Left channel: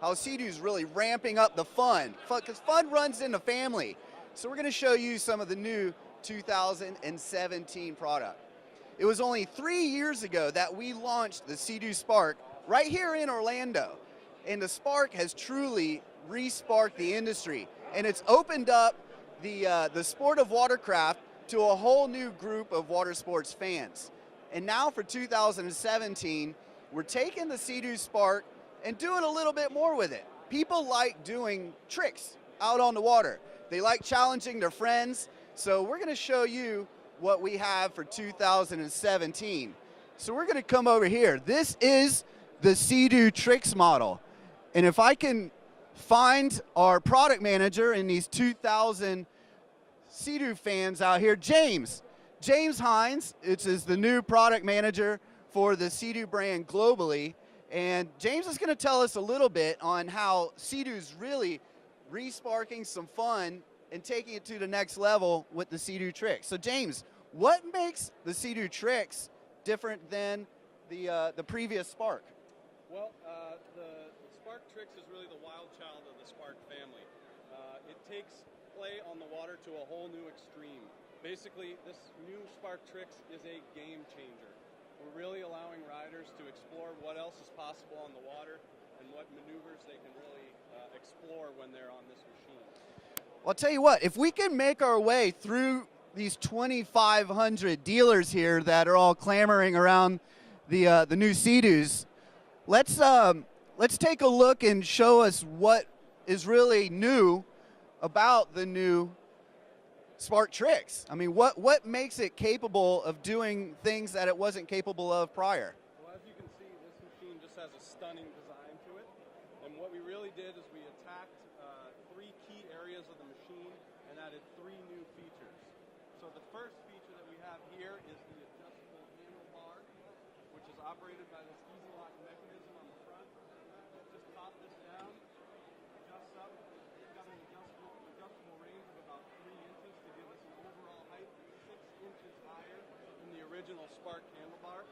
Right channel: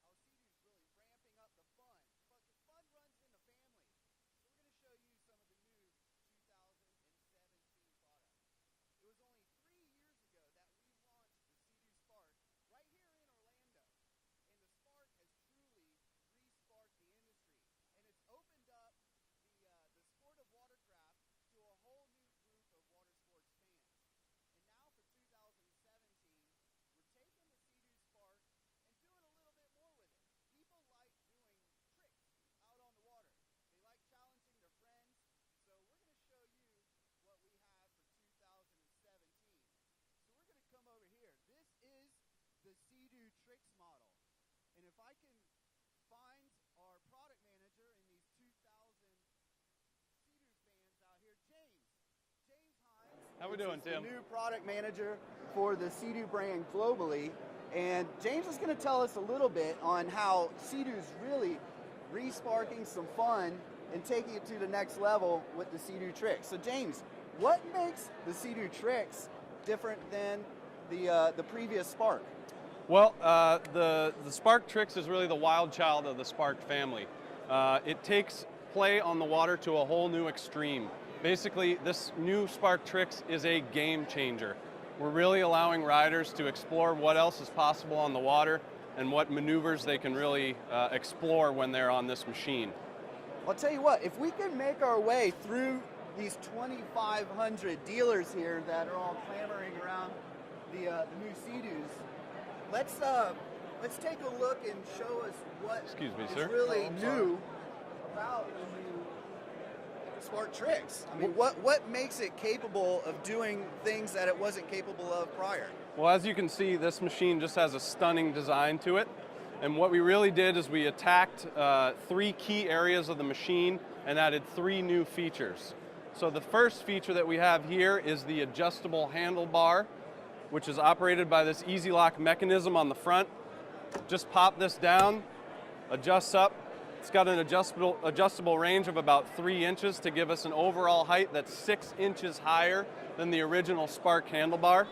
how SeaDoo's really ramping up the fun, because fun runs in the family. So we're going to show you some of the new 2017 product. It was only 3 years ago that we launched the SeaDoo Spark right here in Orlando. And the Spark has truly re-sparked the industry. And it's opened up the sport of watercraft to a whole new group of water sports fans. And now for 2017, we're taking the SeaDoo Spark and doing a little bit more with it. People like doing tricks out on the water. They like challenging their friends. So we're gonna show you what we have for 2017. So we're gonna come over here. This is the SeaDoo Tricks model. And if I can find our product manager in these 2,000 SeaDoo fans out here, James Hines, which is the new product manager for the SeaDoo brand globally. And James is going to tell us a little bit on how SeaDoo's really re-sparking some fun and taking it to the next level with the SeaDoo Tricks. So James, what makes the SeaDoo Tricks different than the previous Spark? Well, the Spark Tricks is really the wild child of the Spark family. It takes play on the water to a whole new extreme. Basically, this new Spark Tricks is a game changer. We're really allowing riders to explore what else is possible on the water and what maneuvers they can really explore when they're on this machine. Well, I'll tell you what, if we can make our way through these 2,500 dealers here that are all clamoring around the new SeaDoos, let's take a look and show us what is really new about the new Spark Tricks. I mean, what makes it capable of doing things that it wasn't capable of prior? Well, as you can see, this machine just has a stunning design to it. And what we really did is we attacked 3 key areas of the machine and added 3 new features. So the first feature that we have here is the adjustable handlebar, which is operated by this easy lock mechanism on the front. Just pop this down, adjusts up. It's got an adjustable range of about 3 inches to give us an overall height that's 6 inches higher than the original Spark handlebar.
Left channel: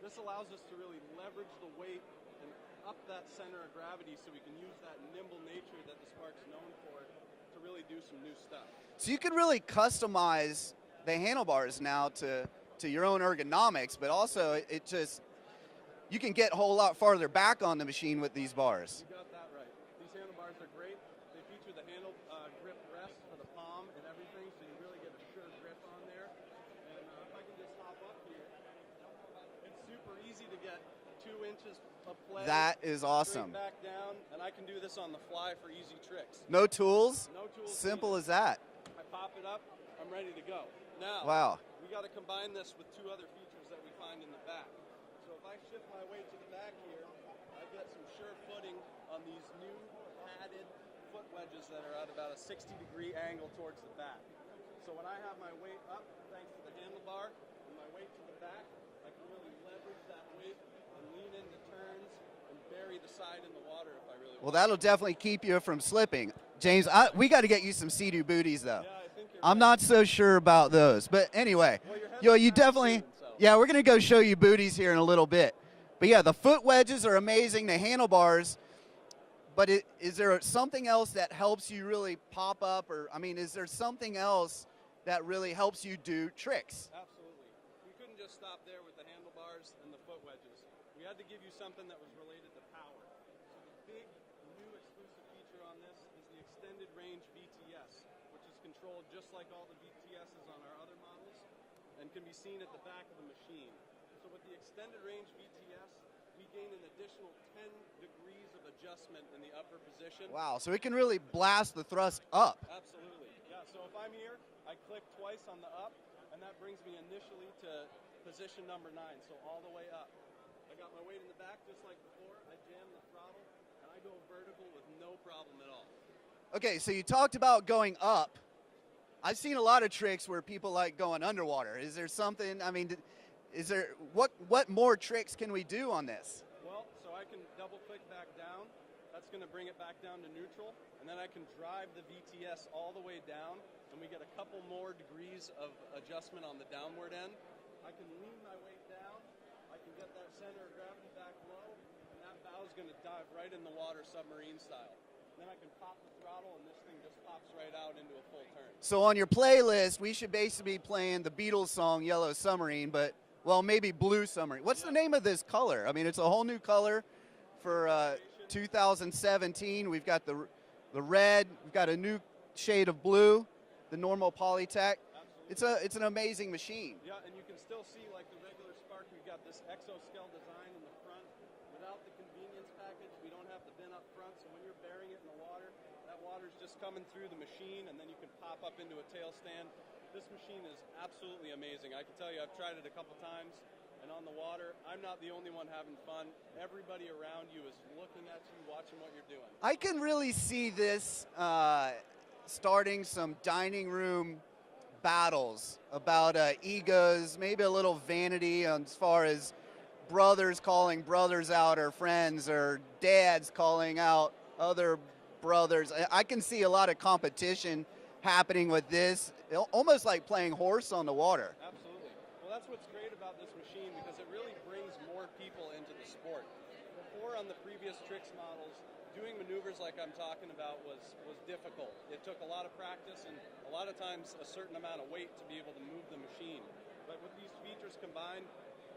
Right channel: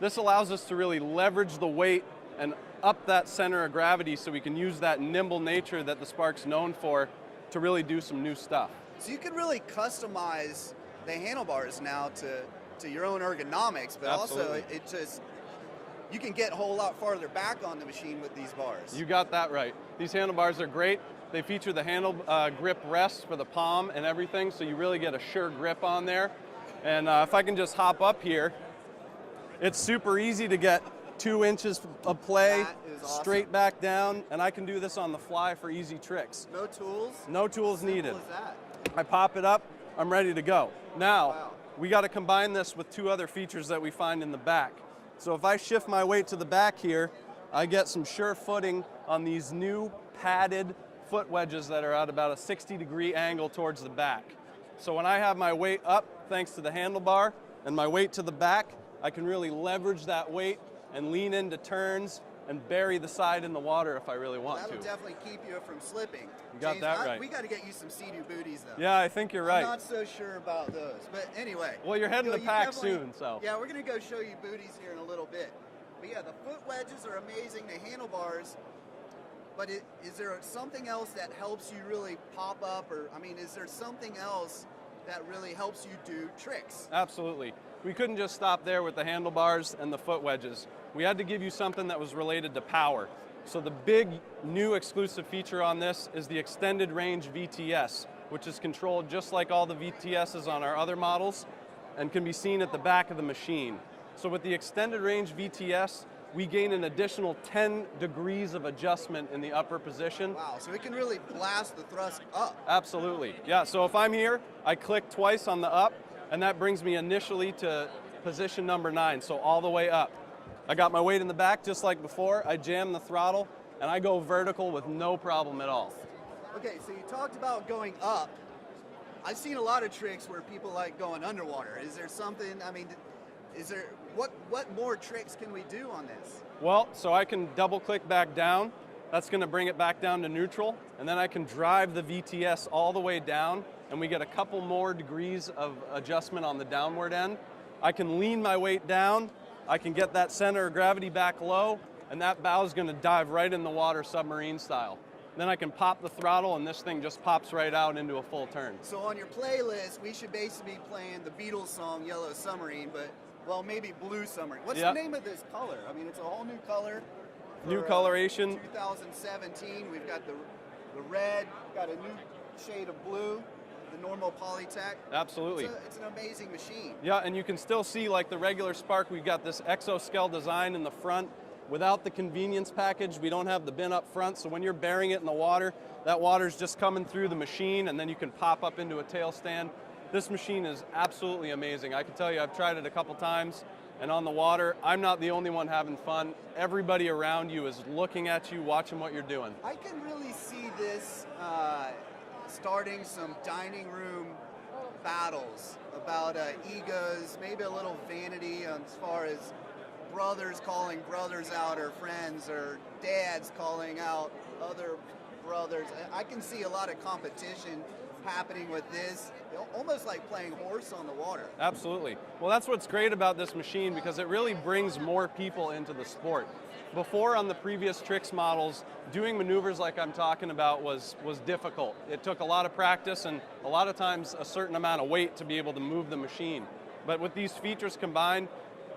This allows us to really leverage the weight and up that center of gravity so we can use that nimble nature that the Spark's known for to really do some new stuff. So you can really customize the handlebars now to your own ergonomics, but Absolutely. also you can get a whole lot farther back on the machine with these bars. You got that right. These handlebars are great. They feature the handle grip rest for the palm and everything, so you really get a sure grip on there. And if I can just hop up here, it's super easy to get 2 inches of play, that is awesome. Straight back down, and I can do this on the fly for easy tricks. No tools? No tools needed. Simple as that. I pop it up, I'm ready to go. Now, wow. We got to combine this with 2 other features that we find in the back. So if I shift my weight to the back here, I get some sure footing on these new padded foot wedges that are at about a 60-degree angle towards the back. So when I have my weight up, thanks to the handlebar, and my weight to the back, I can really leverage that weight and lean into turns and bury the side in the water if I really want to. Well, that'll definitely keep you from slipping. James, right. We got to get you some SeaDoo booties, though. Yeah, I think you're right. I'm not so sure about those, but anyway. Well, you're heading to you PAX definitely, soon, so. Yeah, we're going to go show you booties here in a little bit. But yeah, the foot wedges are amazing, the handlebars, but is there something else that helps you really pop up, or, I mean, is there something else that really helps you do tricks? Absolutely. We couldn't just stop there with the handlebars and the foot wedges. We had to give you something that was related to power. So the big new exclusive feature on this is the extended range VTS, which is controlled just like all the VTSs on our other models and can be seen at the back of the machine. So with the extended range VTS, we gain an additional 10 degrees of adjustment in the upper position. Wow, so it can really blast the thrust up. Absolutely, yeah, so if I'm here, I click twice on the up, and that brings me initially to position number 9, so all the way up. I got my weight in the back just like before, I jam the throttle, and I go vertical with no problem at all. Okay, so you talked about going up. I've seen a lot of tricks where people like going underwater. Is there something, I mean, what more tricks can we do on this? Well, so I can double click back down. That's gonna bring it back down to neutral, and then I can drive the VTS all the way down, and we get a couple more degrees of adjustment on the downward end. I can lean my weight down, I can get that center of gravity back low, and that bow is going to dive right in the water submarine style. Then I can pop the throttle and this thing just pops right out into a full turn. So on your playlist, we should basically be playing the Beatles song Yellow Submarine, but, well, maybe Blue Submarine. What's the name of this color? I mean, it's a whole new color. For, new coloration. 2017, we've got the red, we've got a new shade of blue, the normal Polytech. Absolutely. It's an amazing machine. Yeah, and you can still see, like the regular Spark, we've got this exoscale design in the front. Without the convenience package, we don't have the bin up front, so when you're burying it in the water, that water's just coming through the machine, and then you can pop up into a tail stand. This machine is absolutely amazing. I can tell you, I've tried it a couple times, and on the water, I'm not the only one having fun. Everybody around you is looking at you, watching what you're doing. I can really see this starting some dining room battles about egos, maybe a little vanity as far as brothers calling brothers out, or friends, or dads calling out other brothers. I can see a lot of competition happening with this, almost like playing horse on the water. Absolutely. Well, that's what's great about this machine, because it really brings more people into the sport. Before, on the previous tricks models, doing maneuvers like I'm talking about was difficult. It took a lot of practice and a lot of times a certain amount of weight to be able to move the machine. But with these features combined,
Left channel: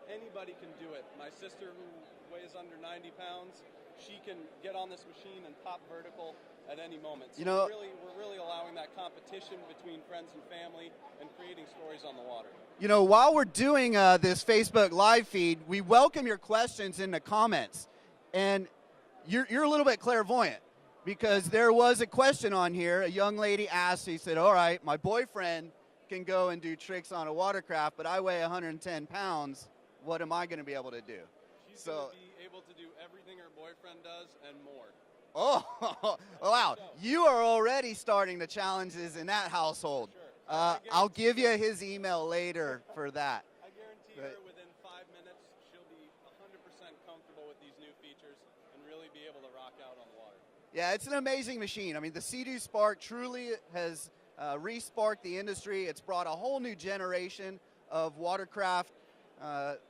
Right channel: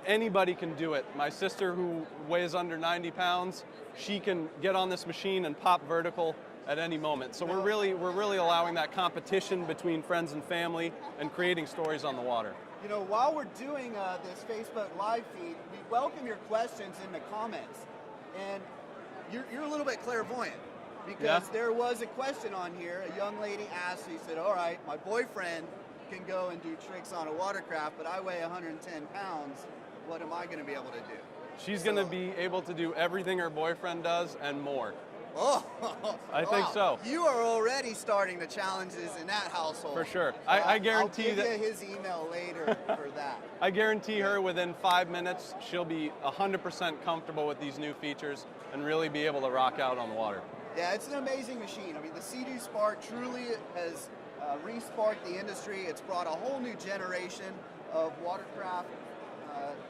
anybody can do it. My sister, who weighs under 90 pounds, she can get on this machine and pop vertical at any moment. So we're really allowing that competition between friends and family and creating stories on the water. You know, while we're doing this Facebook live feed, we welcome your questions in the comments. And you're a little bit clairvoyant, because there was a question on here. A young lady asked, he said, all right, my boyfriend can go and do tricks on a watercraft, but I weigh 110 pounds. What am I going to be able to do? She's going to be able to do everything her boyfriend does and more. Oh, I think so. You are already starting the challenges in that household. For sure. I guarantee I'll give you his email later for that. I guarantee her within 5 minutes, she'll be 100% comfortable with these new features and really be able to rock out on the water. Yeah, it's an amazing machine. I mean, the SeaDoo Spark truly has re-sparked the industry. It's brought a whole new generation of watercraft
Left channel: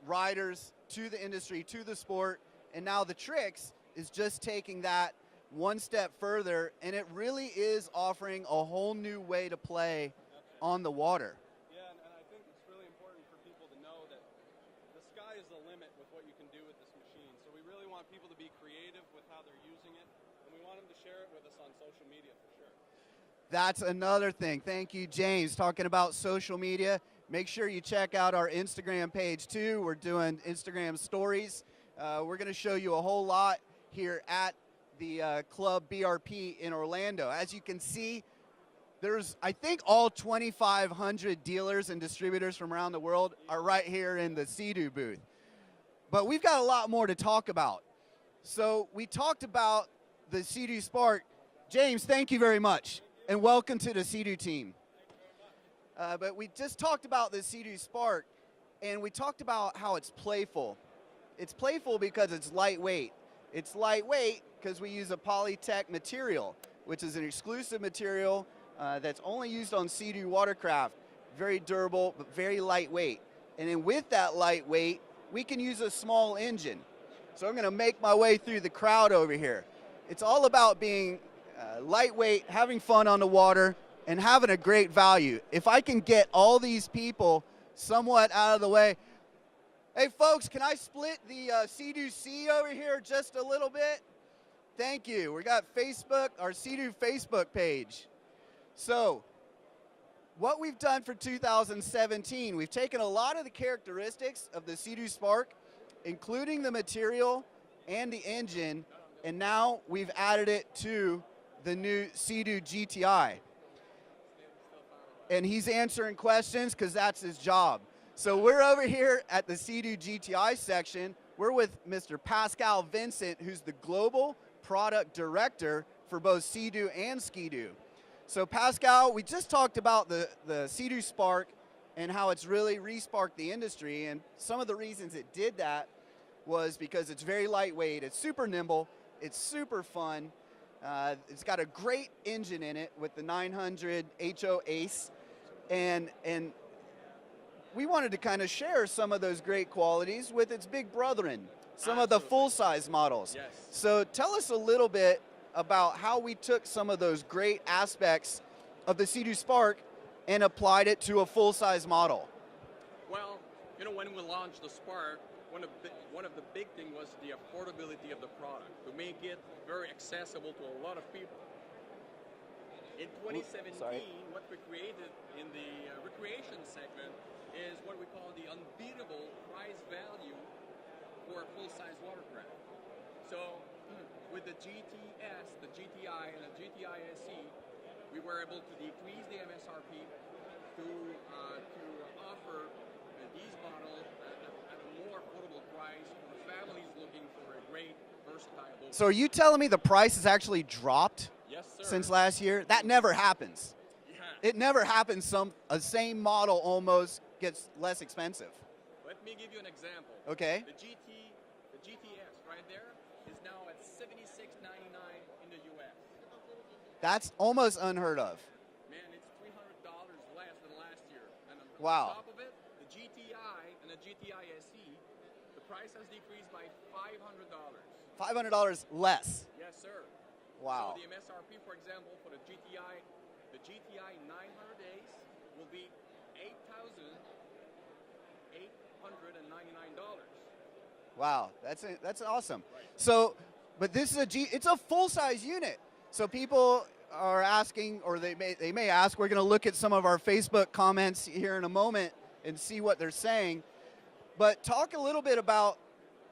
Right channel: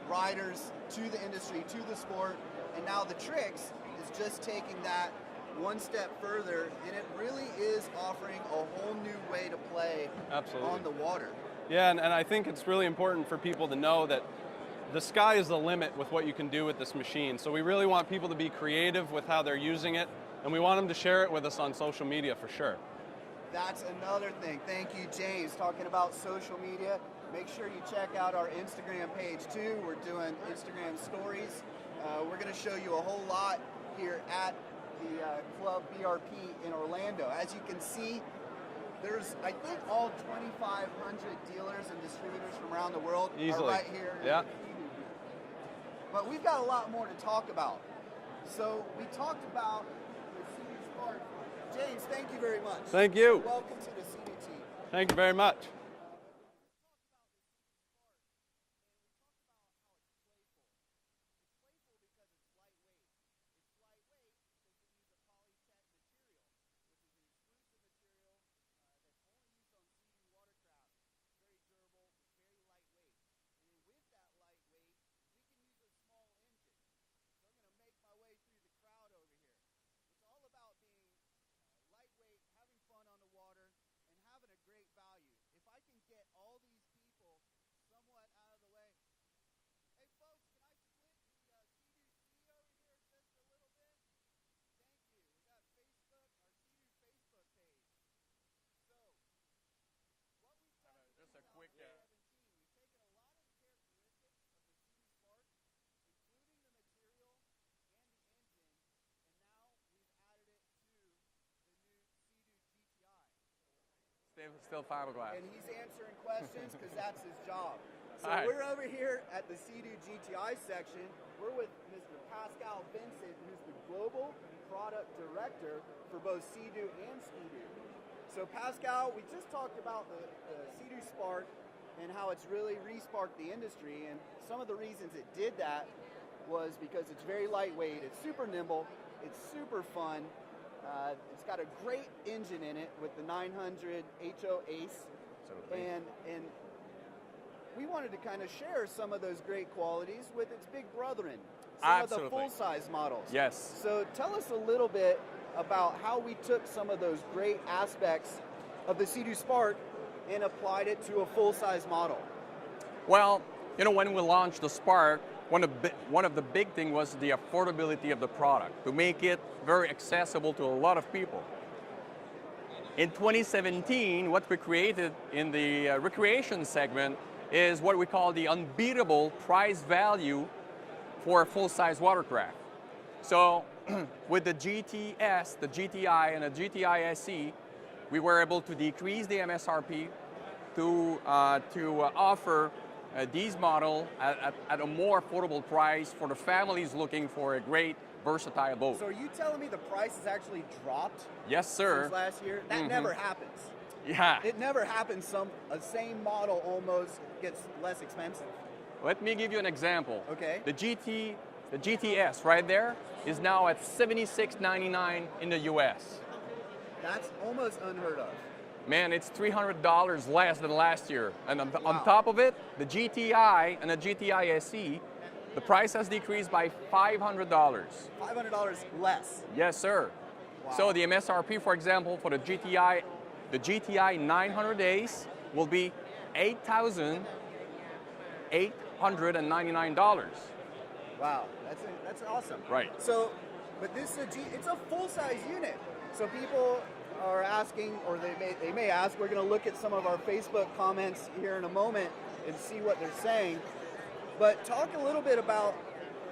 riders to the industry, to the sport, and now the tricks is just taking that one step further, and it really is offering a whole new way to play on the water. Yeah, and I think it's really important for people to know that the sky is the limit with what you can do with this machine. So we really want people to be creative with how they're using it, and we want them to share it with us on social media for sure. That's another thing. Thank you, James. Talking about social media, make sure you check out our Instagram page too. We're doing Instagram stories. We're going to show you a whole lot here at the Club BRP in Orlando. As you can see, there's, I think, all 2,500 dealers and distributors from around the world are right here in the SeaDoo booth. But we've got a lot more to talk about. So we talked about the SeaDoo Spark. James, thank you very much. Thank you. And welcome to the SeaDoo team. Thank you very much. But we just talked about the SeaDoo Spark, and we talked about how it's playful. It's playful because it's lightweight. It's lightweight because we use a Polytech material, which is an exclusive material that's only used on SeaDoo watercraft. Very durable, but very lightweight. And then with that lightweight, we can use a small engine. So I'm going to make my way through the crowd over here. It's all about being lightweight, having fun on the water, and having a great value. If I can get all these people somewhat out of the way. Hey folks, can I split the SeaDoo C over here just a little bit? Thank you. We got Facebook, our SeaDoo Facebook page. So, what we've done for 2017, we've taken a lot of the characteristics of the SeaDoo Spark, including the material and the engine, and now we've added it to the new SeaDoo GTI. And he's answering questions because that's his job. So we're over here at the SeaDoo GTI section. We're with Mr. Pascal Vincent, who's the Global Product Director for both SeaDoo and SkiDoo. So Pascal, we just talked about the SeaDoo Spark and how it's really re-sparked the industry, and some of the reasons it did that was because it's very lightweight, it's super nimble, it's super fun, it's got a great engine in it with the 900 HO Ace, and we wanted to kind of share some of those great qualities with its big brethren, some of the Absolutely. full-size models. Yes. So tell us a little bit about how we took some of those great aspects of the SeaDoo Spark and applied it to a full-size model. Well, when we launched the Spark, one of the big things was the affordability of the product, to make it very accessible to a lot of people. In 2017, what we created in the recreation segment is what we call the unbeatable price value for a full-size watercraft. So with the GTS, the GTI, and the GTI SE, we were able to decrease the MSRP to offer these models at a more affordable price for the families looking for a great, versatile boat. So are you telling me the price has actually dropped? Yes, sir. Since last year? That never happens. Yeah. It never happens. A same model almost gets less expensive. Let me give you an example. Okay. The GTS right there is now at $76.99 in the US. That's almost unheard of. Man, it's $300 less than last year. And on Wow. top of it, the GTI and the GTI SE, the price has decreased by $500. $500 less. Yes, sir. Wow. So the MSRP, for example, for the GTI 900 Ace will be $8,899. Wow, that's awesome. Right. So, but this is it's a full-size unit. So people are asking, or they may ask. We're going to look at some of our Facebook comments here in a moment and see what they're saying. But talk a little bit about.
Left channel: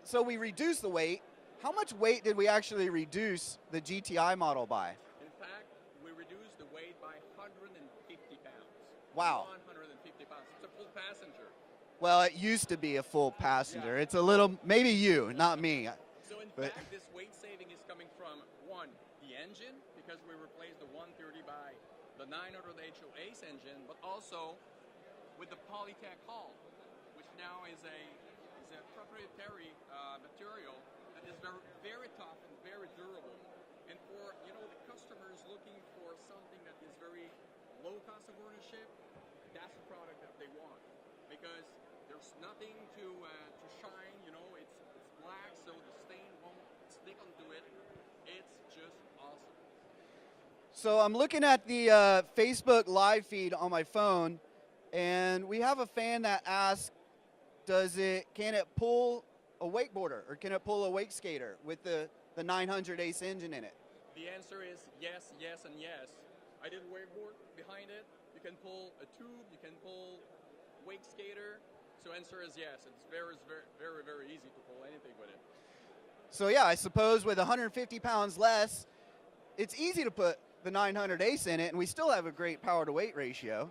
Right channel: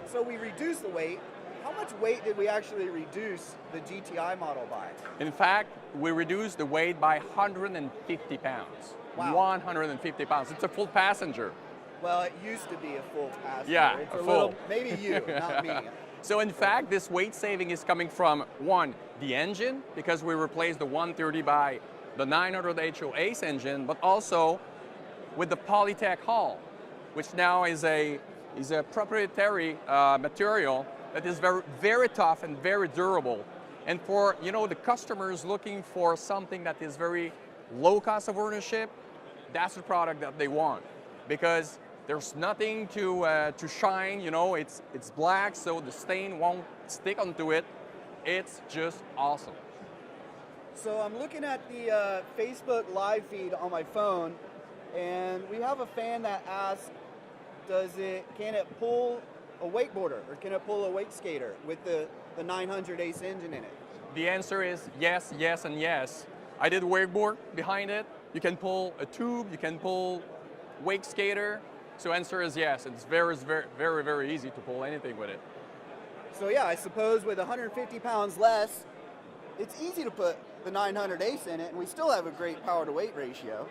So we reduced the weight. How much weight did we actually reduce the GTI model by? In fact, we reduced the weight by 150 pounds. Wow. 150 pounds. It's a full passenger. Well, it used to be a full passenger. Yeah, It's a a little, full. maybe you, not me. So in fact, this weight saving is coming from, one, the engine, because we replaced the 130 by the 900 HO Ace engine, but also with the Polytech hull, which now is a proprietary material that is very, very tough and very durable. And for the customers looking for something that is very low cost of ownership, that's the product that they want, because there's nothing to shine. It's black, so the stain won't stick onto it. It's just awesome. So I'm looking at the Facebook live feed on my phone, and we have a fan that asked, can it pull a wakeboarder, or can it pull a wake skater with the 900 Ace engine in it? The answer is yes, yes, and yes. I did wakeboard behind it. You can pull a tube, you can pull wake skater. So answer is yes. It's very, very, very, very easy to pull anything with it. So yeah, I suppose with 150 pounds less, it's easy to put the 900 Ace in it, and we still have a great power to weight ratio.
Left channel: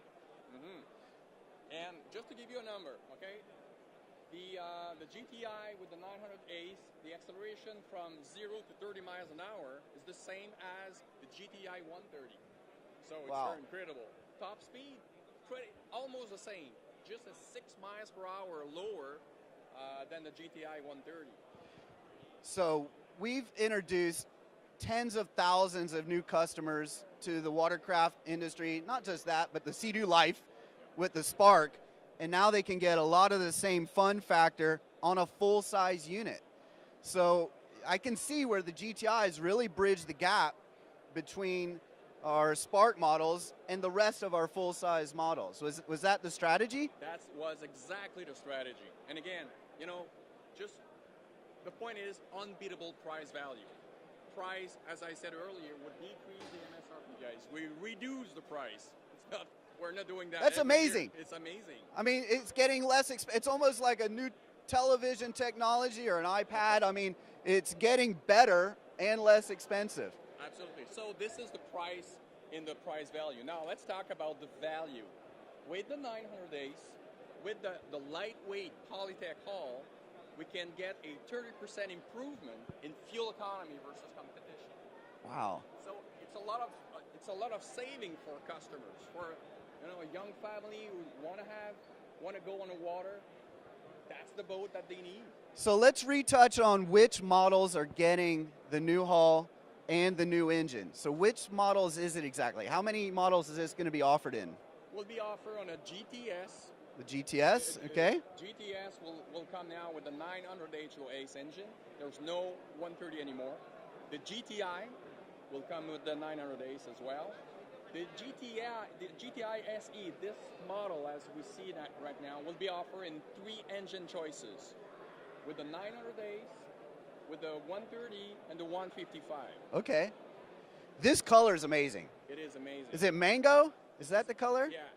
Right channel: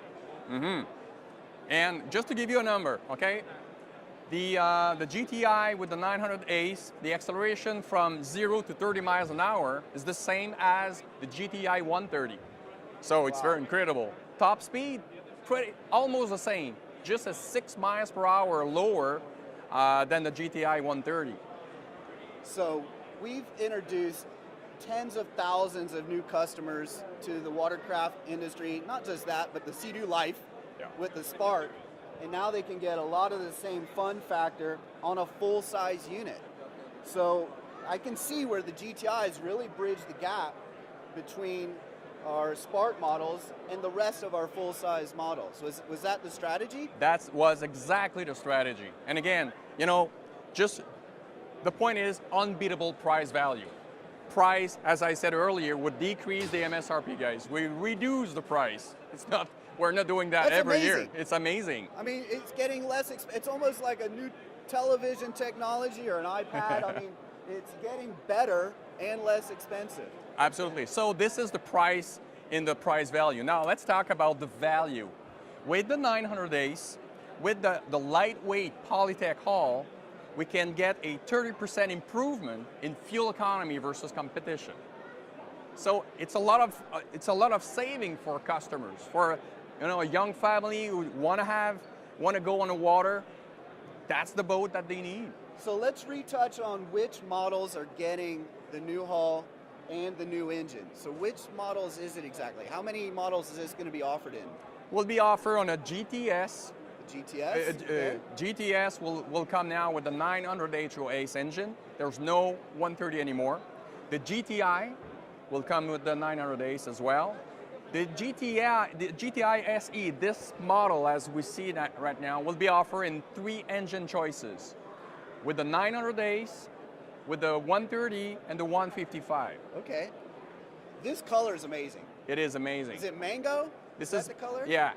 And just to give you a number, okay? The GTI with the 900 Ace, the acceleration from 0 to 30 miles an hour is the same as the GTI 130. So it's very incredible. Top speed, almost the same, just a 6 miles per hour lower than the GTI 130. So we've introduced tens of thousands of new customers to the watercraft industry. Not just that, but the SeaDoo life with the Spark. And now they can get a lot of the same fun factor on a full-size unit. So I can see where the GTIs really bridge the gap between our Spark models and the rest of our full-size models. Was that the strategy? That was exactly the strategy. And again, just the point is unbeatable price value. Price, as I said earlier, would decrease the MSRP, guys. We reduce the price. We're not doing that That's every amazing. year. It's amazing. I mean, it's getting less, it's almost like a new television technology or an iPad. I mean, it's getting better and less expensive. Absolutely. So this is the price in the price value. Now let's talk about the value. With the 900 Ace, with the lightweight Polytech hull, we can get a 30% improvement in fuel economy versus competition. Wow. So it's a lot of saving for customers, for a young family who want to go on the water. That's the boat that they need. So let's retouch on which models are getting the new hull and the new engine. So which models is it exactly? How many models is this going to be offered in? Will be offered on a GTS, The GTS, okay. GTS will come now with the 900 HO Ace engine. There's no 130 anymore. The GTI will come with the 900 Ace as well. The GTI SE, this model as we see that right now, will be offered in 3 engine choices, with the 900 Ace, with the 130, and the 155. Okay. This color is amazing. It is amazing. Is it mango? Is that the color? Yeah.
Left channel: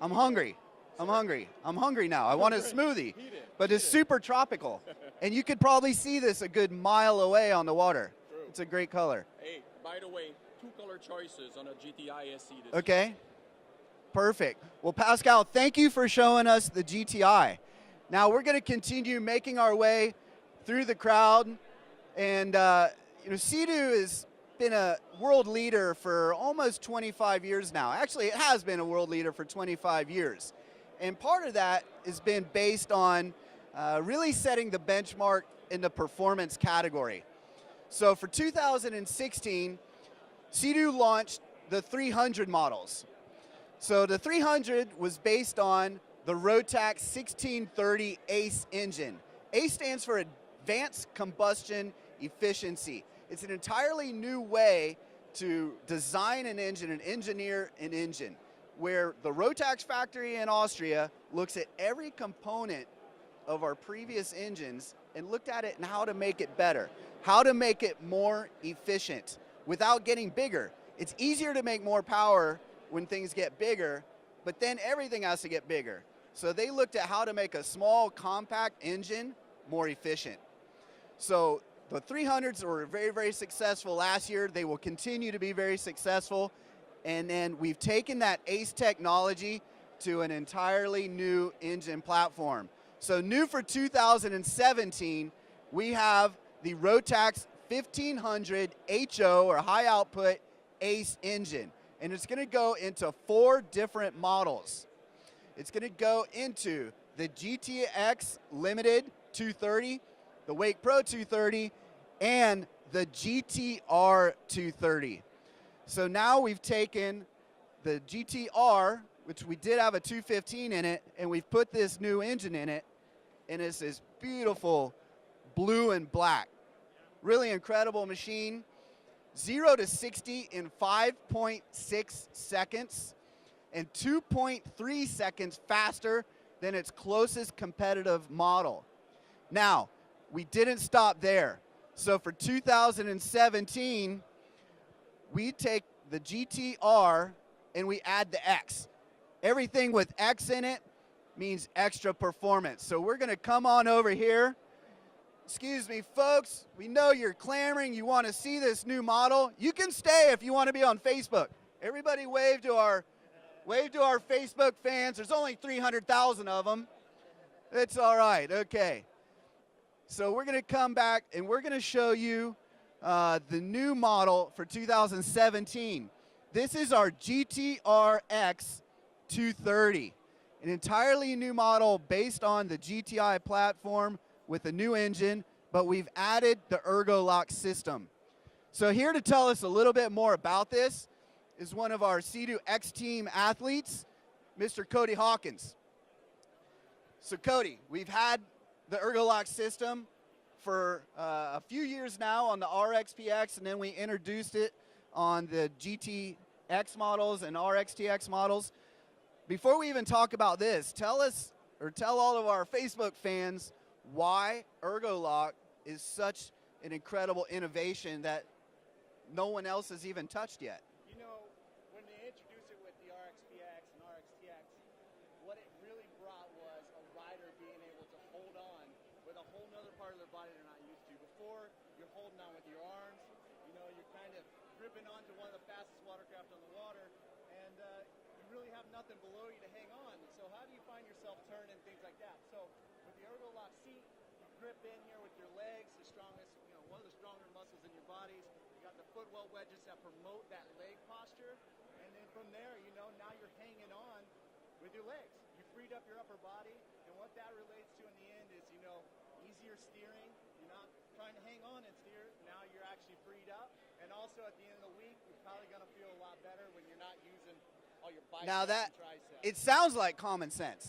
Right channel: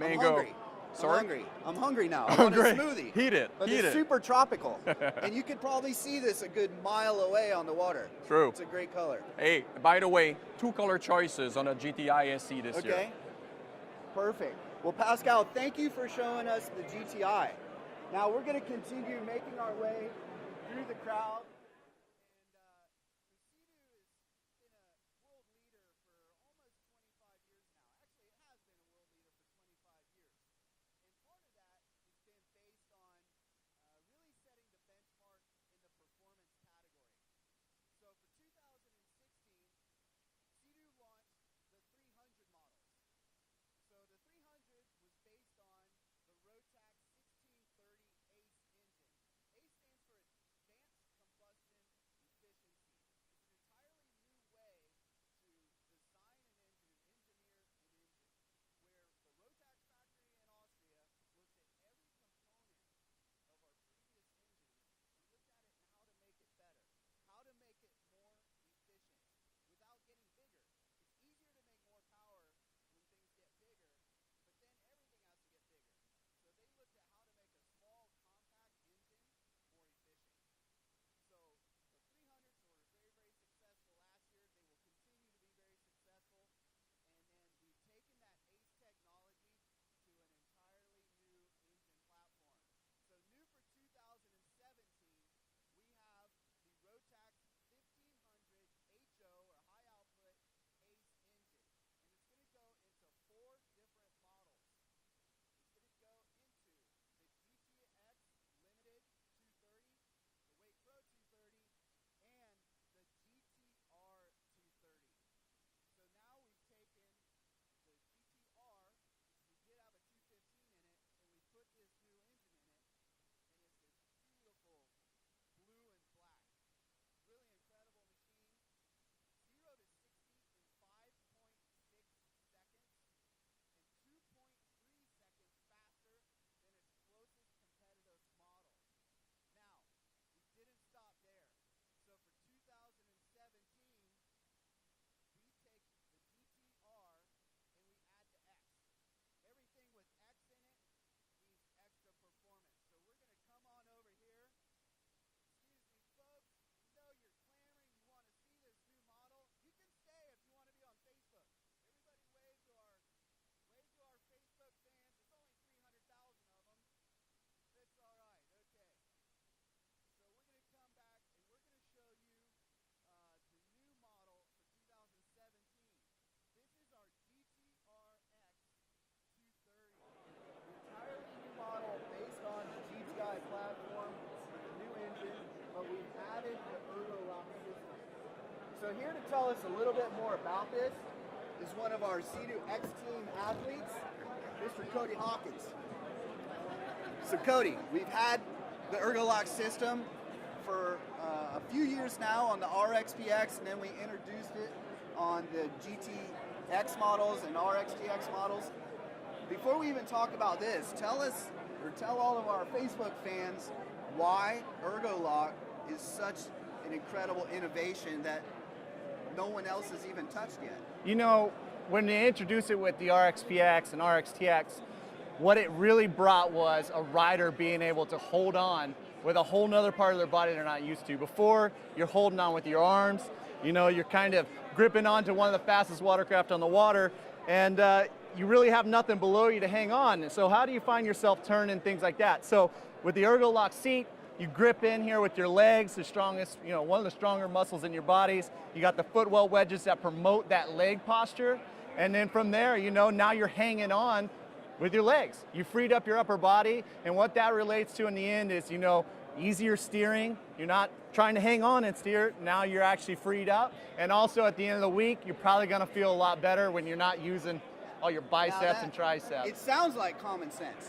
I'm hungry. Sorry? I'm hungry. I'm hungry now. I want a smoothie. Heat it. But Heat it's it. super tropical. And you could probably see this a good mile away on the water. True. It's a great color. Hey, by the way, 2 color choices on a GTI SE this year. Okay. Perfect. Well, Pascal, thank you for showing us the GTI. Now we're going to continue making our way through the crowd. And SeaDoo has been a world leader for almost 25 years now. Actually, it has been a world leader for 25 years. And part of that has been based on really setting the benchmark in the performance category. So for 2016, SeaDoo launched the 300 models. So the 300 was based on the Rotax 1630 ACE engine. ACE stands for Advanced Combustion Efficiency. It's an entirely new way to design an engine and engineer an engine, where the Rotax factory in Austria looks at every component of our previous engines and looked at it and how to make it better, how to make it more efficient without getting bigger. It's easier to make more power when things get bigger, but then everything has to get bigger. So they looked at how to make a small, compact engine more efficient. So the 300s were very, very successful last year. They will continue to be very successful. And then we've taken that ACE technology to an entirely new engine platform. So new for 2017, we have the Rotax 1500 HO, or high output ACE engine. And it's going to go into 4 different models. It's going to go into the GTX Limited 230, the Wake Pro 230, and the GTR 230. So now we've taken the GTR, which we did have a 215 in it, and we've put this new engine in it, and it's this beautiful blue and black. Really incredible machine. 0 to 60 in 5.6 seconds, and 2.3 seconds faster than its closest competitive model. Now, we didn't stop there. So for 2017, we take the GTR and we add the X. Everything with X in it means extra performance. So we're going to come on over here. Excuse me, folks. We know you're clamoring. You want to see this new model. You can stay if you want to be on Facebook. Everybody wave to our Facebook fans. There's only 300,000 of them. It's all right. Okay. So we're going to come back and we're going to show you the new model for 2017. This is our GTR-X 230, an entirely new model based on the GTI platform with a new engine, but we've added the ErgoLock system. So here to tell us a little bit more about this is one of our SeaDoo X Team athletes, Mr. Cody Hawkins. So Cody, we've had the ErgoLock system for a few years now on the RXPX, and then we introduced it on the GTX models and RXTX models. Before we even talk about this, tell all of our Facebook fans why ErgoLock is such an incredible innovation that no one else has even touched yet. You know, when they introduced it with the RXPX and RXTX, what it really brought was a rider being able to hold on with a whole nother part of their body they're not used to. Before, you're holding on with your arms, you know, you're kind of gripping onto one of the fastest watercraft on the water, and you really have nothing below you to hang on. So how do you find yourself turning, things like that? So with the ErgoLock seat, you grip in here with your legs, the strongest, you know, one of the stronger muscles in your bodies. You got the footwell wedges that promote that leg posture. And then from there, you know, now you're hanging on with your legs. You freed up your upper body, and what that relates to in the end is, you know, easier steering. You're not trying to hang on and steer. Now you're actually freed up. And also at the end of the week, you're probably gonna feel a lot better when you're not using all your biceps and triceps. It sounds like common sense.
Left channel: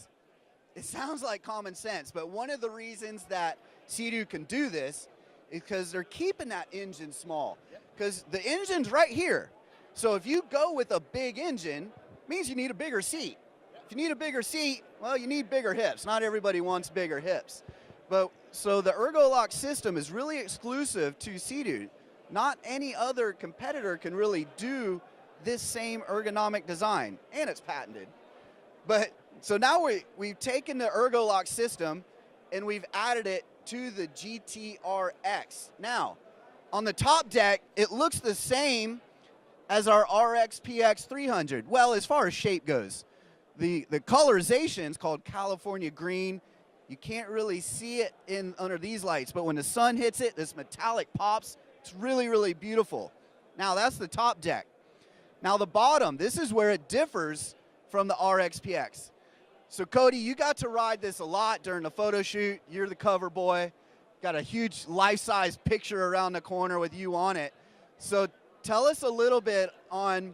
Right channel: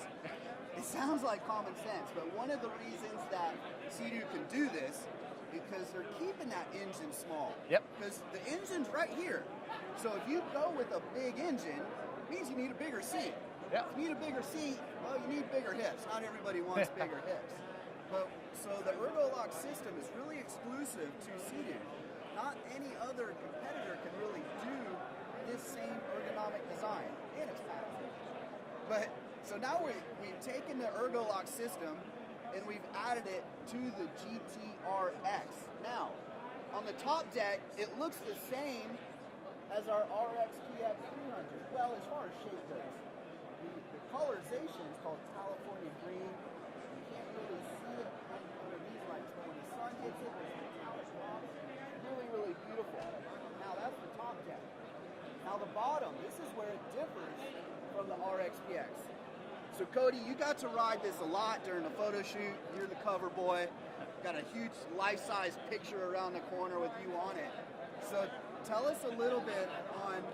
It sounds like common sense, but one of the reasons that SeaDoo can do this is because they're keeping that engine small. Yep. Because the engine's right here. So if you go with a big engine, it means you need a bigger seat. Yep. If you need a bigger seat, well, you need bigger hips. Not everybody wants bigger hips. But so the ErgoLock system is really exclusive to SeaDoo. Not any other competitor can really do this same ergonomic design, and it's patented. But so now we've taken the ErgoLock system and we've added it to the GTRX. Now, on the top deck, it looks the same as our RXPX 300. Well, as far as shape goes, the colorization is called California green. You can't really see it under these lights, but when the sun hits it, this metallic pops. It's really, really beautiful. Now, that's the top deck. Now, the bottom, this is where it differs from the RXPX. So, Cody, you got to ride this a lot during the photo shoot. You're the cover boy. Got a huge life-size picture around the corner with you on it. So, tell us a little bit on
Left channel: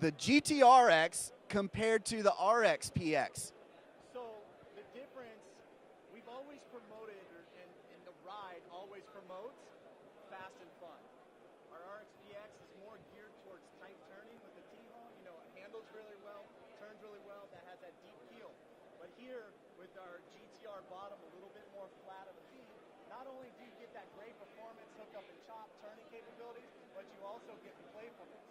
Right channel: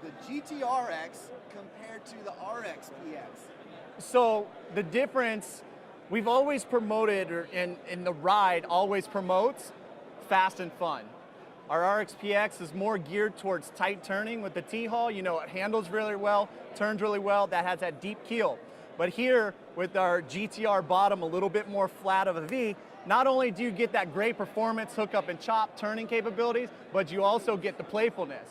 the GTRX compared to the RXPX. So the difference, we've always promoted, and the ride always promotes fast and fun. Our RXPX is more geared towards tight turning with the T-hull. You know, it handles really well, turns really well, that has that deep keel. But here, with our GTR bottom a little bit more flat of a V, not only do you get that great performance, hook up and chop turning capabilities, but you also get the playfulness.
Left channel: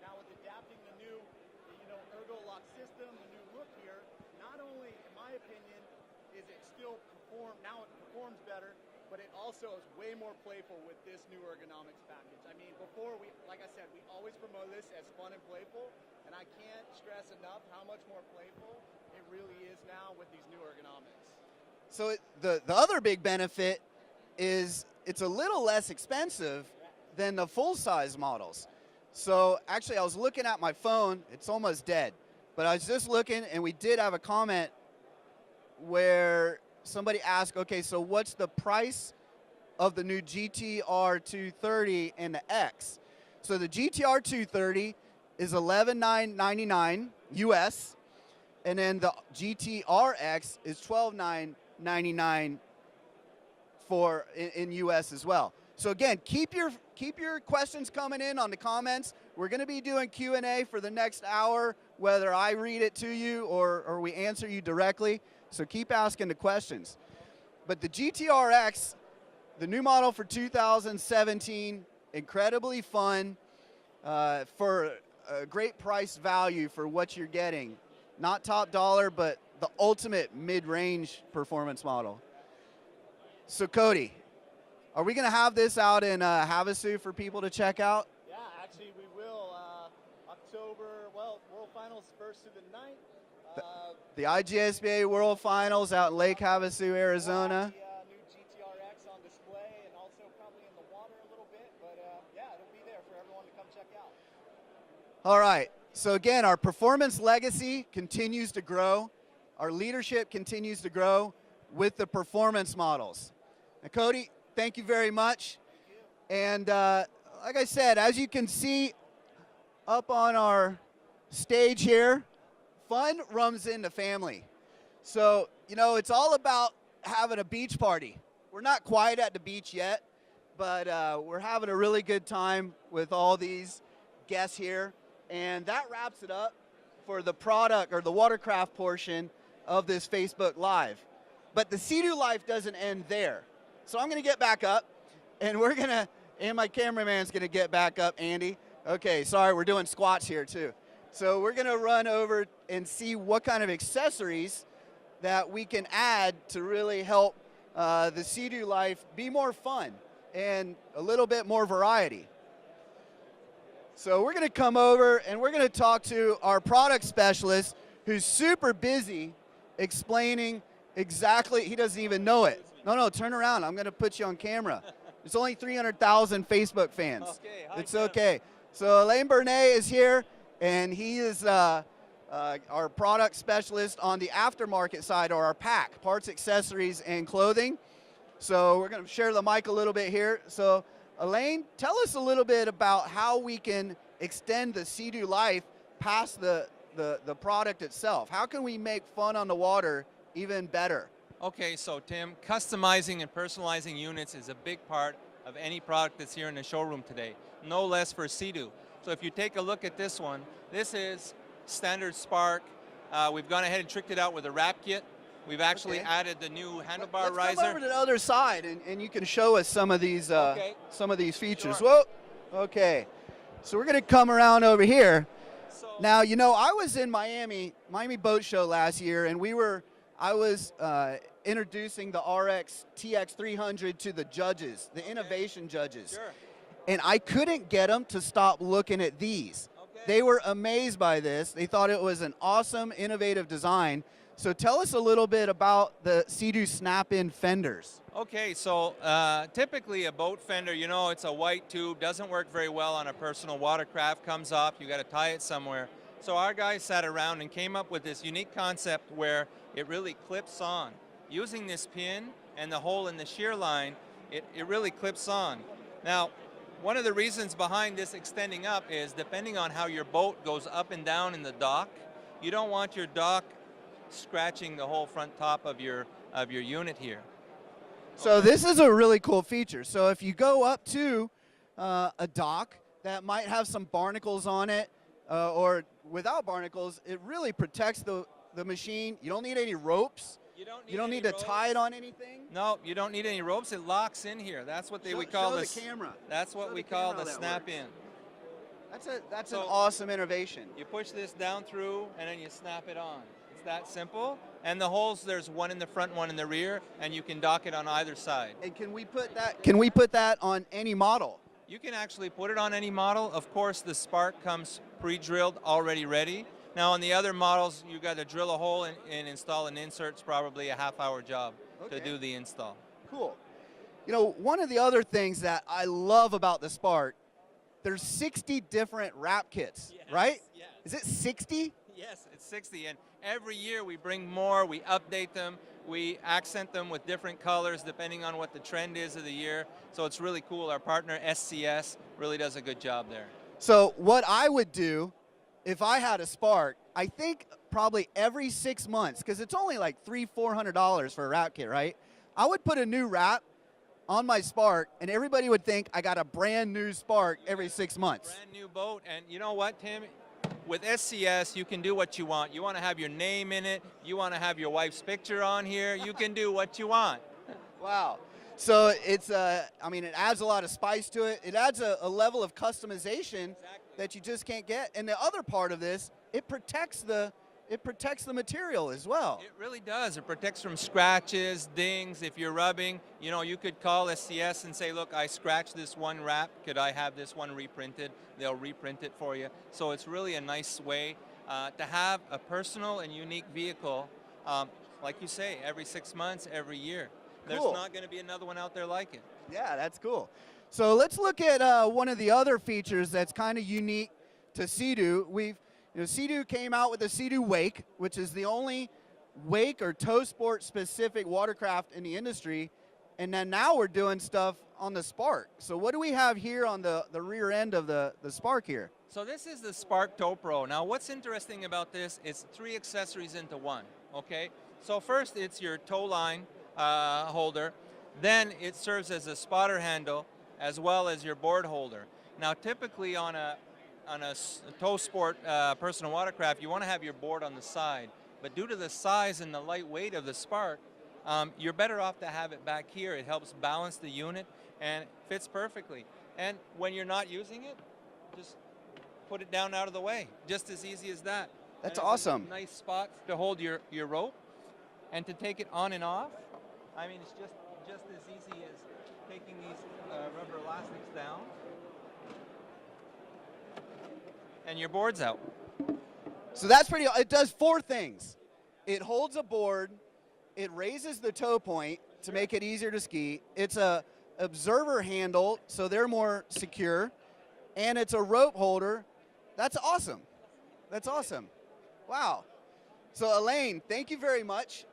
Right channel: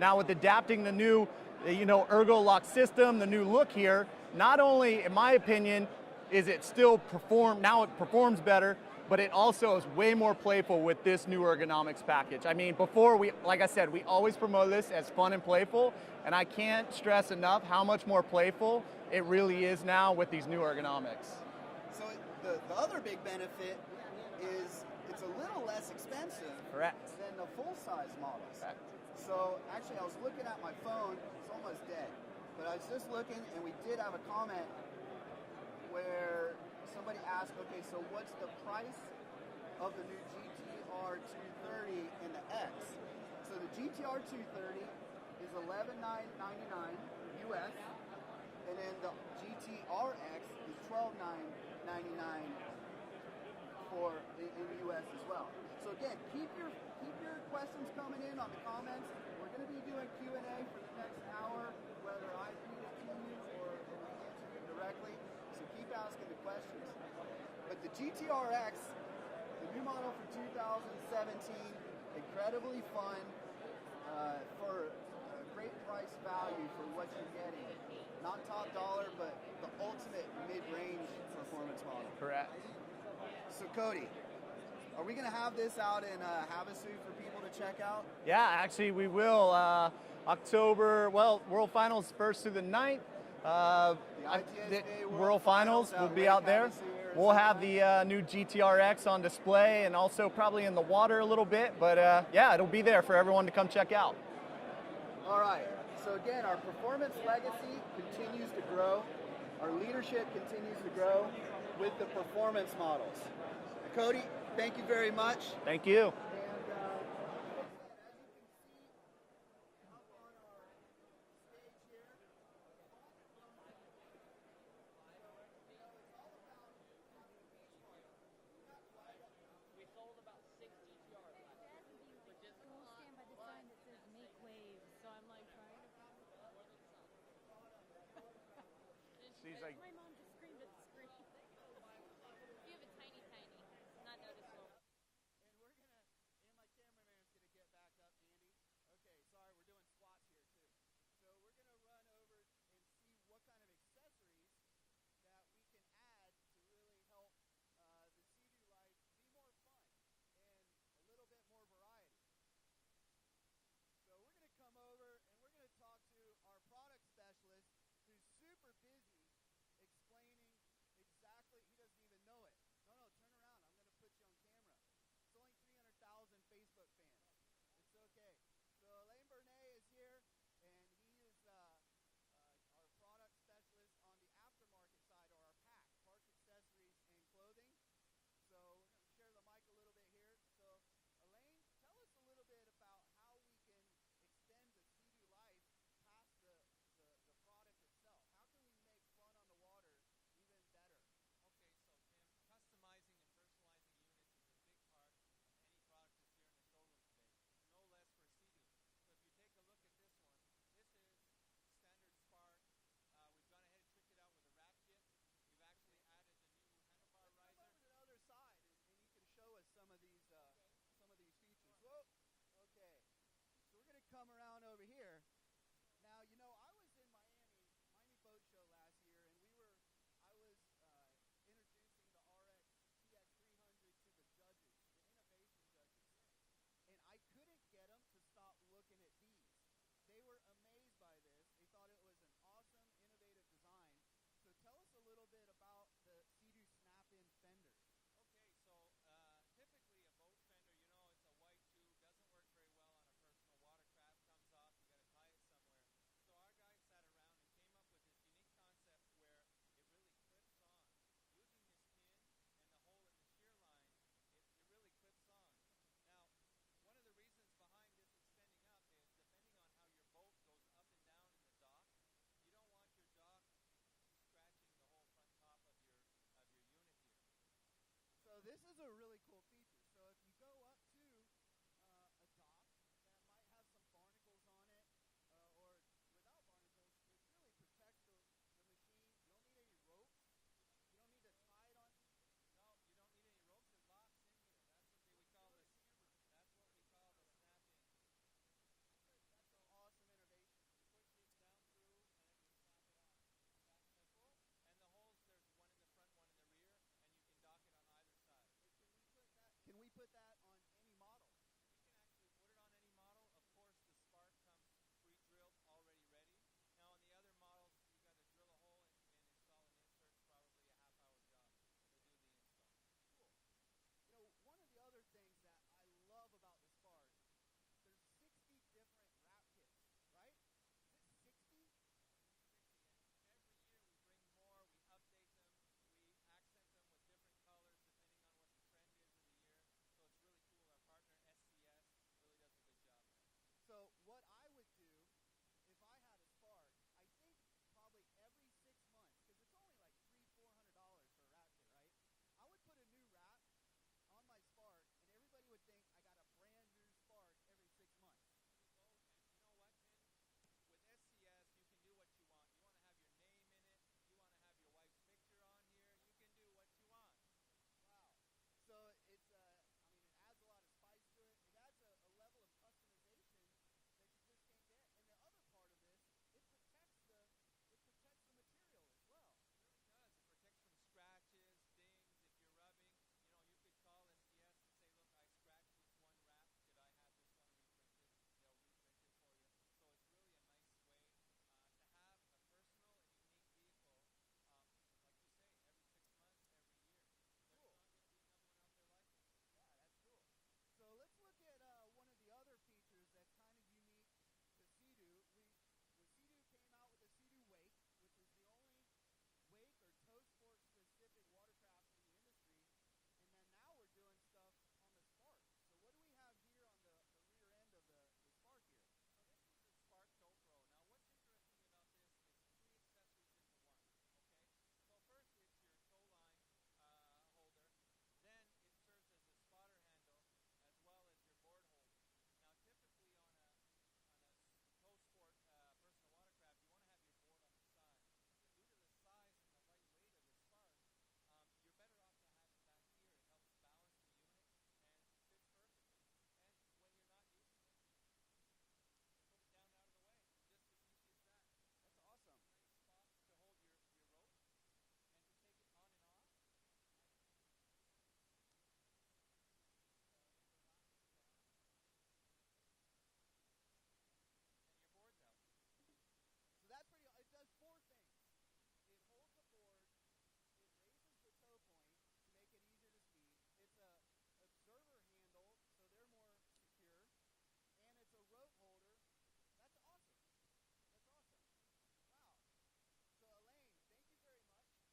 Now with adapting the new, ErgoLock system, the new look here, not only, in my opinion, is it still now it performs better, but it also is way more playful with this new ergonomics package. I mean, before like I said, we always promote this as fun and playful, and I can't stress enough how much more playful it really is now with these new ergonomics. So the other big benefit is it's a little less expensive than the full-size models. Correct. So actually, I was looking at my phone. It's almost dead. But I was just looking, and we did have a comment where somebody asked, okay, so what's the price of the new GTR 230 and the X? So the GTR 230 is $11,999 US, and then the GTRX is $12,999 in US as well. So again, keep your questions coming in on the comments. We're going to be doing Q&A for the next hour, whether I read it to you or we answer you directly. So keep asking the questions. But the GTRX, the new model for 2017, incredibly fun for a great price value for what you're getting. Not top dollar, but the ultimate mid-range performance model. Correct. So Cody, are we going to have this out in Havasu for people to check out? Yeah, actually we will. October, World Finals 1st through the 9th. The IGSBA World Finals out in Lake Havasu, Arizona. We'll have the new GTRX on display and also probably in the water a little bit. But yeah, it'll be there for everyone to come check out. All right. So again, our performance legacy continues to grow. Our leadership continues to grow with the performance models. And Cody, thank you very much. Thank you. And like I said, as you can see up on our stage here, fun runs in the family. So, it's all about having a beach party. We're not quite at the beach yet, but we're having a really good time with all these guests here. And that wraps it up for the product or the watercraft portion of this Facebook Live. But the SeaDoo life doesn't end there. So I'm going to get back up, and and my cameraman's going to get back up, Andy. Okay, sorry, we're doing squats here too. So we're going to run over and see what kind of accessories that we can add to really help the SeaDoo life be more fun and a little bit more variety. So we're going to come over and we're going to talk to our product specialist who's super busy explaining exactly, he doesn't even know it. No, turn around. I'm going to put you on camera. There's only 300,000 Facebook fans. Okay, it's okay. So Alain Bernet is here, and he is our product specialist on the aftermarket side, or our pack, parts, accessories, and clothing. So we're going to share the mic a little bit here. So Alain, tell us a little bit about how we can extend the SeaDoo life past the product itself. How can we make fun on the water even better? Okay, so Tim, customizing and personalizing units is a big part of any product that's here in the showroom today, no less for SeaDoo. So if you take a look at this one, this is standard Spark. We've gone ahead and tricked it out with a wrap kit. We've actually added the new handlebar riser. Let's come over to the other side, and you can show us some of these features. Sure. Whoa. Okay. So we're going to come around over here. Now, you know, I was in Miami Boat Show last year, and I was introducing the RX TX 300 to the judges, the innovation judges. Sure. And I couldn't get them to stop looking at these. Okay. They were amazed by this. They thought it was an awesome, innovative design. So tell us a little bit about the SeaDoo snap-in fenders. Okay, so typically a boat fender, you know, it's a white tube, doesn't work very well on a personal watercraft, comes off, you got to tie it somewhere. So our guys sat around and came up with this unique concept where it really clips on. Using this pin and the hole in the shear line, it really clips on. Now, one of the reasons behind this extending up is depending on how your boat goes up and down in the dock, you don't want your dock scratching the whole front top of your unit here. So this is a really cool feature. So if you go up to a dock that might have some barnacles on it, or without barnacles, it really protects the machine. You don't need any ropes. You don't need to tie it on anything. No, you don't need any ropes. It locks in here. That's what we call the camera. That's what we call the snap-in. That's an awesome innovation. You push this down through, and then you snap it on. It's that simple. And the holes, there's one in the front, one in the rear, and you can dock it on either side. And can we put that on any model? You can actually put it on any model. Of course, the Spark comes pre-drilled, already ready. Now, on the other models, you got to drill a hole and install an insert. It's probably a half-hour job to do the install. Cool. You know, one of the other things that I love about the Spark, there's 60 different wrap kits, right? Yes. Is it 60? Yes, it's 60, and every year we bring more, we update them, we accent them with different colors depending on what the trend is of the year. So it's really cool. Our partner SCS really does a good job there. So what I would do if I had a Spark, I think probably every 6 months, because it's only like $300-400 for a wrap kit, right? I would put a new wrap on my Spark, and everybody would think I got a brand new Spark every 6 months. Brand new boat, and you know what, Tim? With SCS, you can do what you want. You want to have your name in it. You want to have your wife's picture on here. You can do what you want. Wow. So it's, I mean, it adds a lot of spice to it. It adds a level of customization that you just can't get. And the other part of this, it protects the material as well. It really does. It protects from scratches, dings. If you're rubbing, you know, you could call SCS and say, look, I scratched this one wrap. Could I have this one reprinted? They'll reprint it for you. So it's really a nice way to have a personal and unique vehicle, like you say, every 6 months, every year. There's not going to be another one out there like it. Yeah, that's cool. So let's look at one of the other features that's kind of unique to SeaDoo. SeaDoo came out with the SeaDoo Wake, which is the only wake or tow sport specific watercraft in the industry. And then now we're doing stuff on the Spark. So what do we have here on the rear end of the Spark here? So this is the Spark Tow Pro. Now what's interesting about this is 3 accessories into one, okay? So first it's your tow line holder. Then it serves as a spotter handle as well as your board holder. Now typically on a tow sport personal watercraft, you want to have your board on the side. But due to the size and the light weight of the Spark, you're better off to have it back here. It helps balance the unit and fits perfectly. And when you're not using it, just put it down out of the way. Just as easy as that. That's awesome. Nice spot to hold your rope and to take it on and off. I mean, it's just as easy as taking these rubber elastics down and your board's out. So that's pretty, it does 4 things. It holds a board, it raises the tow point to make it easier to ski, it's a observer handle, so they're more secure, and it's a rope holder. That's awesome. That's awesome. Wow. So Elaine, thank you very much.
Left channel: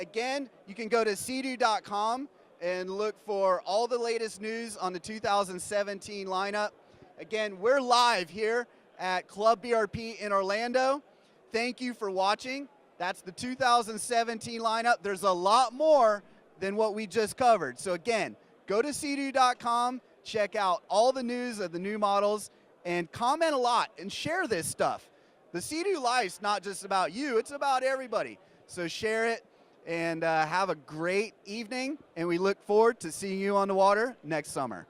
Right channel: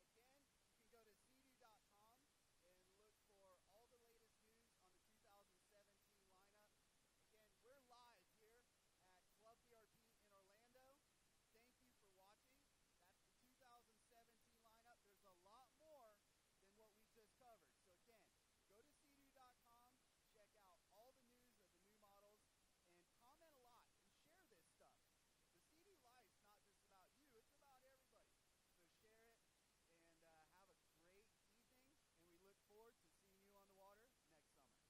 Again, you can go to SeaDoo.com and look for all the latest news on the 2017 lineup. Again, we're live here at Club BRP in Orlando. Thank you for watching, That's the 2017 lineup. There's a lot more than what we just covered. So again, go to SeaDoo.com, check out all the news of the new models, and comment a lot and share this stuff. The SeaDoo life's not just about you, it's about everybody. So share it and have a great evening, and we look forward to seeing you on the water next summer.